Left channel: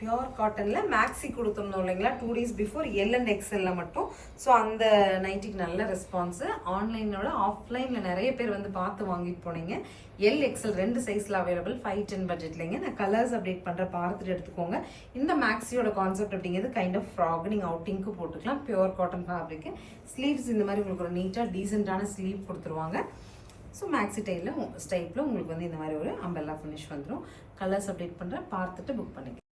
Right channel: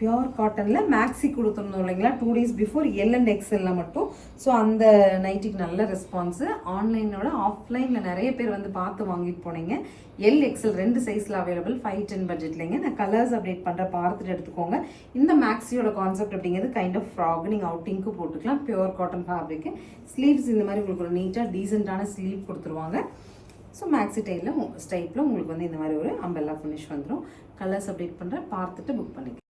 Pure காட்டனில் maxi கொடுத்துருந்தோம் இல்லைங்களா 2 days பிஃபோர் எல் அண்ட் எக்ஸ்எல்ல மட்டும். ஸோ அந்த நைட்டிக்கு நல்ல ரெஸ்பான்ஸு. ஆன்லைனோட ஆஃப்லைனில் நிறைய பேர் வந்து பார்த்து வாங்கிட்டு போனீங்க. எல் எக்ஸ்எல் 2 சைஸில் அவைலபிள் 510 பட்ஜெட்லைங்க. நான் கலர்ஸ் அப்டேட் பண்ணுறேன், பார்த்துட்டு எடுத்துக்கோங்க. இந்த மேக்ஸியோட கான்செப்ட் அப்படிங்கிறது கைண்ட் ஆஃப் ஃப்ராக், நீங்கள் அவுட்டிங்க்கு போட்டுக்கலாம். Pure cotton fabric. ஸ்லீவ்ஸ் இந்த மாதிரி உங்களுக்கு ஒரு நீட்டாக டீசெண்டான ஸ்லீவ் கொடுத்துருவாங்க. ஸோ மேக்ஸி ஸ்டைப்பில் உங்களுக்கு வந்து இந்த மாதிரி ஒரு அம்பெல்லா ஃபினிஷ் வந்துடும். கலர்ஸ் அப்டேட் பண்ணுறேன், பார்த்துட்டு புக் பண்ணிக்கலாம்.